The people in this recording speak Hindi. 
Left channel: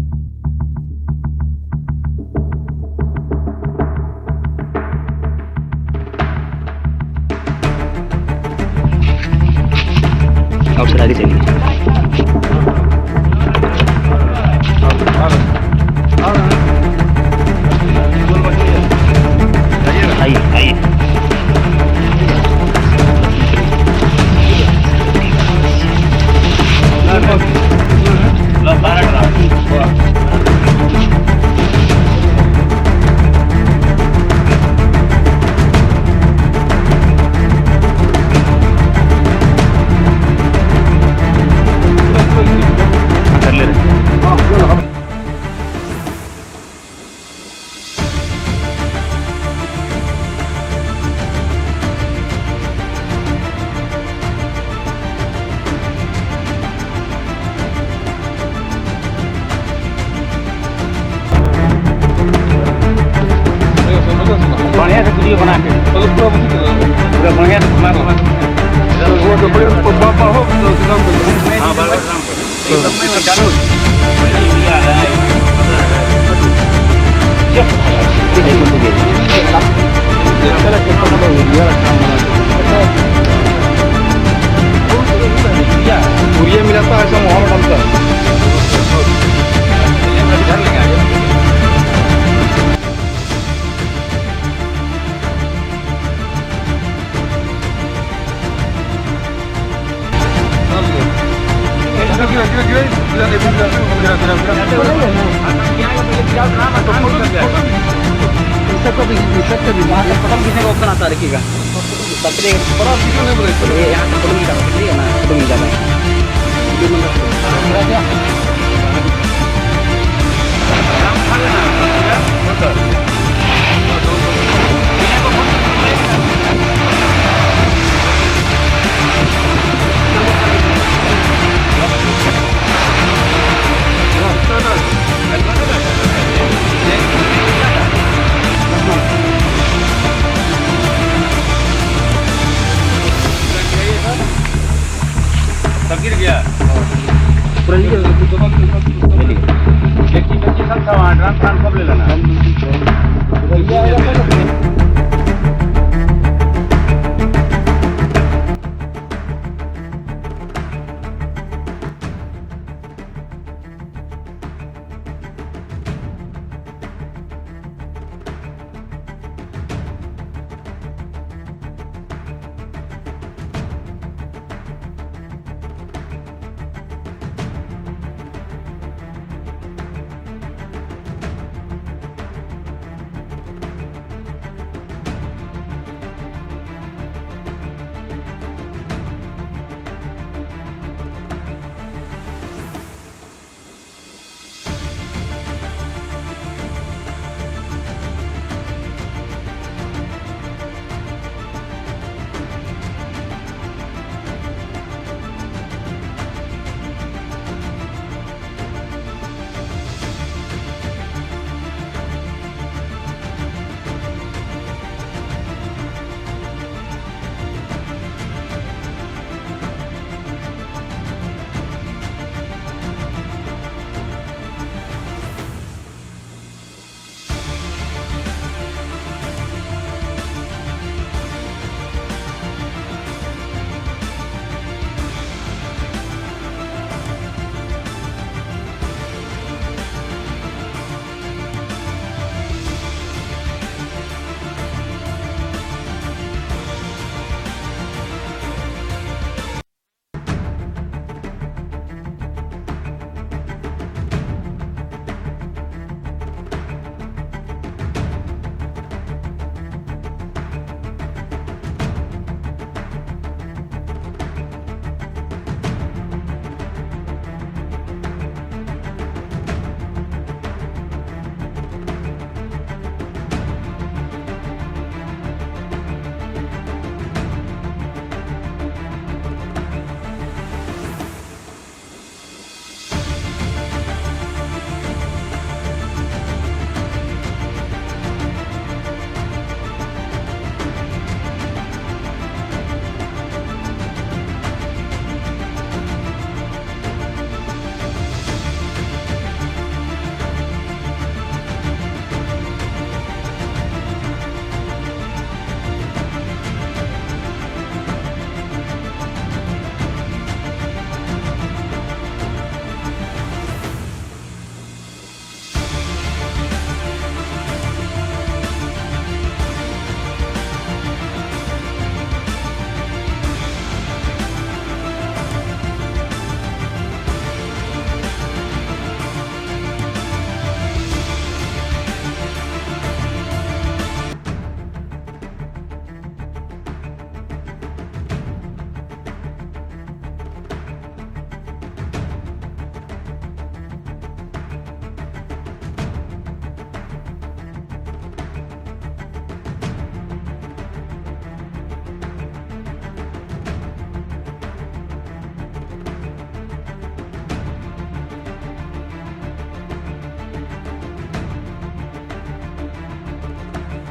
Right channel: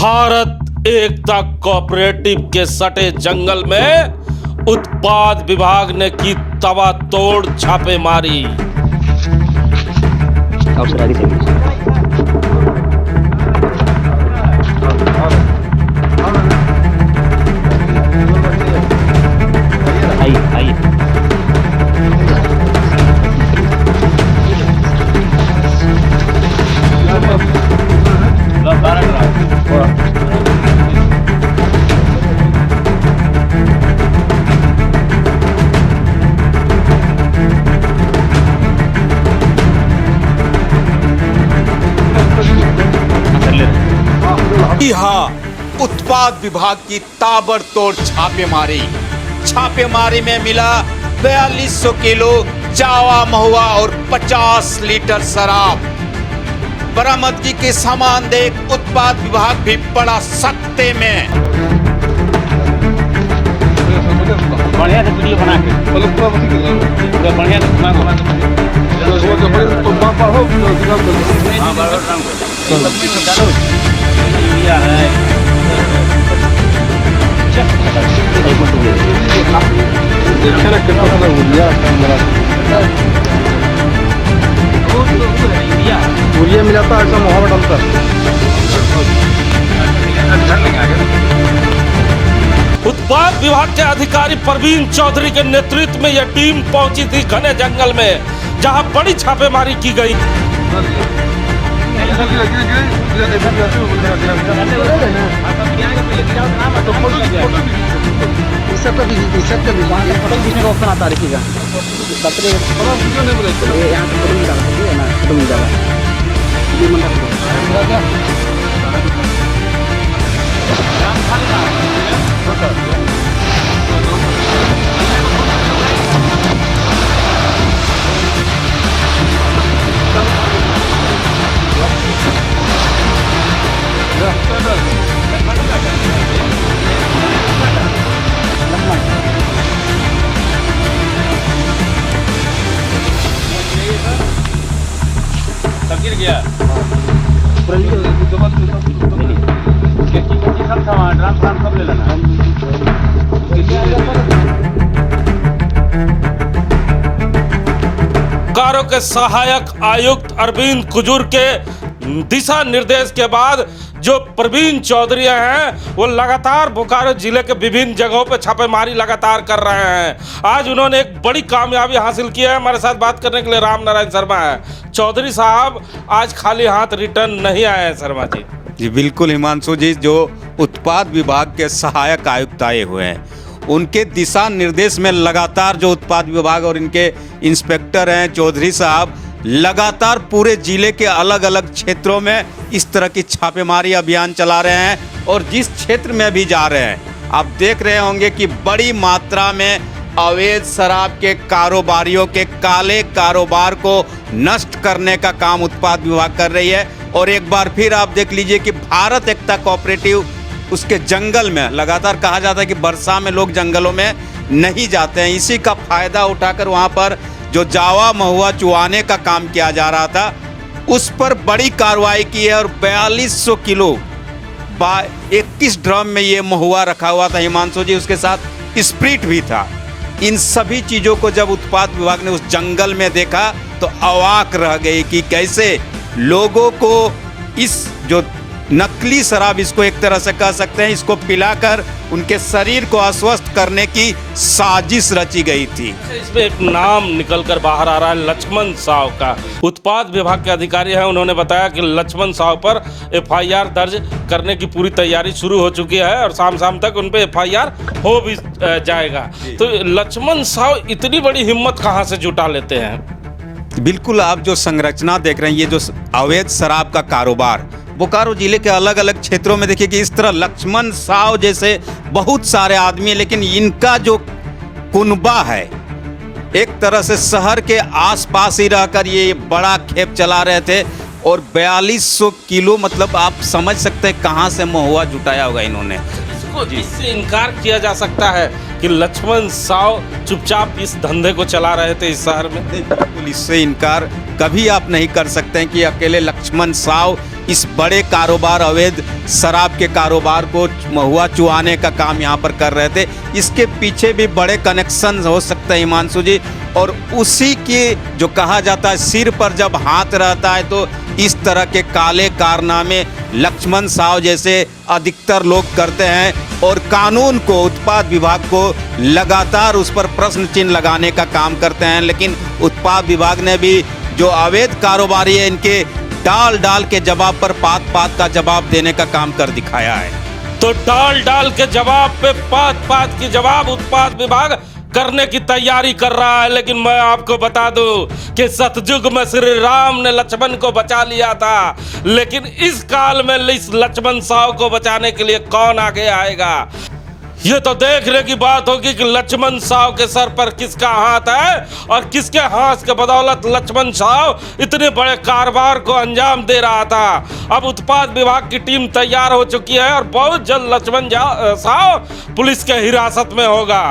भारत एकता कोऑपरेटिव के सटे जंगल में उत्पाद विभाग ने की तबातोड़ छापेमारी। अफसर आगे चलिए। आइए उत्पाद विभाग की ताबड़तोड़ छापेमारी में मिला 4200 किलो जावा महुआ और 50 लीटर शराब। बरामदगी के सामान देख उत्पाद विभाग भी पड़ा सख्ते में। बढ़िया से वीडियो बना के पूरा बढ़िया से घुमा यूरिया है। यूरिया मिलाता है ऐसा मुहावरा डालता है। उत्पाद विभाग के अधिकारी परवीन चौधरी के नेतृत्व में यह टीम पहुंची थी घने जंगल में, जहां बड़ी छापेमारी की गई। गिर गया सब ले लेना। कारों के सहायक आयुक्त अरविंद कुजूर के दिशा निर्देश के बाद जो प्रवीण चौधरी हैं वो लगातार बोकारो जिले के विभिन्न जगहों पर छापेमारी लगातार कर रहे हैं। आज उन्होंने एक बड़ी कामयाबी हासिल की है। हमारे साथ बात करने के लिए राम नारायण शर्मा है। चौधरी साहब आज खाली हाथ रिटर्न नहीं आए हैं शर्मा जी। जी बिल्कुल हिमांशु जी, जो उत्पाद विभाग के सहायक आयुक्त आए हुए हैं उनके दिशा निर्देश में लगातार जो उत्पाद विभाग और इनके इंस्पेक्टर हैं चौधरी साहब लगातार पूरे जिले के अलग अलग क्षेत्रों में इस तरह की छापेमारी अभियान चला रहे हैं और जिस क्षेत्र में भी जा रहे हैं आप देख रहे होंगे कि बड़ी मात्रा में अवैध शराब के कारोबारियों के काले कारोबार को नष्ट करने का काम उत्पाद विभाग कर रही है। और एक बार फिर आप देख लीजिए कि भारत एकता कोऑपरेटिव उसके जंगल में लगातार कहा जाता है कि वर्षा में लोग जंगलों में नहीं जाते हैं, इसी का फायदा उठाकर वहां पर जो जावा महुआ चुआने का काम किया जा रहा था उस पर बड़ी कार्रवाई की है और 4200 किलो 21 ड्रम में ये महुआ रखा हुआ था हिमांशु जी, उसके साथ स्प्रिट भी था। इन सभी चीजों को जब उत्पाद विभाग ने उस जंगल में देखा तो अवाक रह गई कि कैसे लोगों को इस जो नकली शराब इसको एक तरह से कह सकते हैं इसको पिलाकर उनके शरीर को अस्वस्थ करने की साजिश रची गई थी। इसमें एक नाम निकलकर बाहर आ रहा है लक्ष्मण साव का। उत्पाद विभाग के अधिकारी हैं, उन्होंने बताया कि लक्ष्मण साव पर एफआईआर दर्ज करने की पूरी तैयारी शुरू हो चुकी है और शाम तक उन पे एफआईआर हो भी जाएगा। तो लक्ष्मण साव इतनी बड़ी हिम्मत कहाँ से जुटा लेते हैं? बिल्कुल, आप जो संरचना देख रहे हैं ये जो अवैध शराब का कारोबार बोकारो जिले के अलग अलग क्षेत्रों में देखिए कि इस तरह लक्ष्मण साव जैसे बहुत सारे आदमी, लेकिन इनका जो कुनबा है एक तरह से शहर के आसपास ही रहकर ये बड़ा खेप चला रहे थे और 4200 किलो मतलब आप समझ सकते हैं कहाँ से महुआ जुटाया होगा इन्होंने। इससे इनकार किया जा सकता है कि लक्ष्मण साव चुपचाप इस धंधे को चला रहे थे इस शहर में? पुलिस से इनकार कभी आप नहीं कर सकते हैं कि अकेले लक्ष्मण साव इस बड़े कारोबार, अवैध शराब के कारोबार को महुआ चुआने का काम यहाँ पर कर रहे थे। इसके पीछे भी बड़े कनेक्शन हो सकते हैं हिमांशु जी, और उसी के जो कहा जाता है सिर पर जब हाथ रहता है तो इस तरह के काले कारनामे लक्ष्मण साव जैसे अधिकतर लोग करते हैं और कानून को, उत्पाद विभाग को लगातार उस पर प्रश्न चिन्ह लगाने का काम करते हैं। लेकिन उत्पाद विभाग ने भी जो अवैध कारोबारी है इनके डाल डाल के जवाब पर पात पात का जवाब देने का काम कर दिखाया है। तो डाल डाल के जवाब पे पात पात की जवाब उत्पाद विभाग करने की तैयारी कर रहा है। लेकिन मैं आपको बता दूं कि सतयुग में श्री राम ने लक्ष्मण को बचा लिया था, लेकिन इस काल में इस लक्ष्मण साव को बचाने के लिए कौन आगे आएगा? ये तो देखने की बात होगी कि लक्ष्मण साव के सर पर किसका हाथ है और किसके हाथ के बदौलत लक्ष्मण साव इतने बड़े कारोबार को अंजाम दे रहा था। अब उत्पाद विभाग की टीम तैयार हो चुकी है और बहुत जल्द लक्ष्मण साव पुलिस के हिरासत में होगा।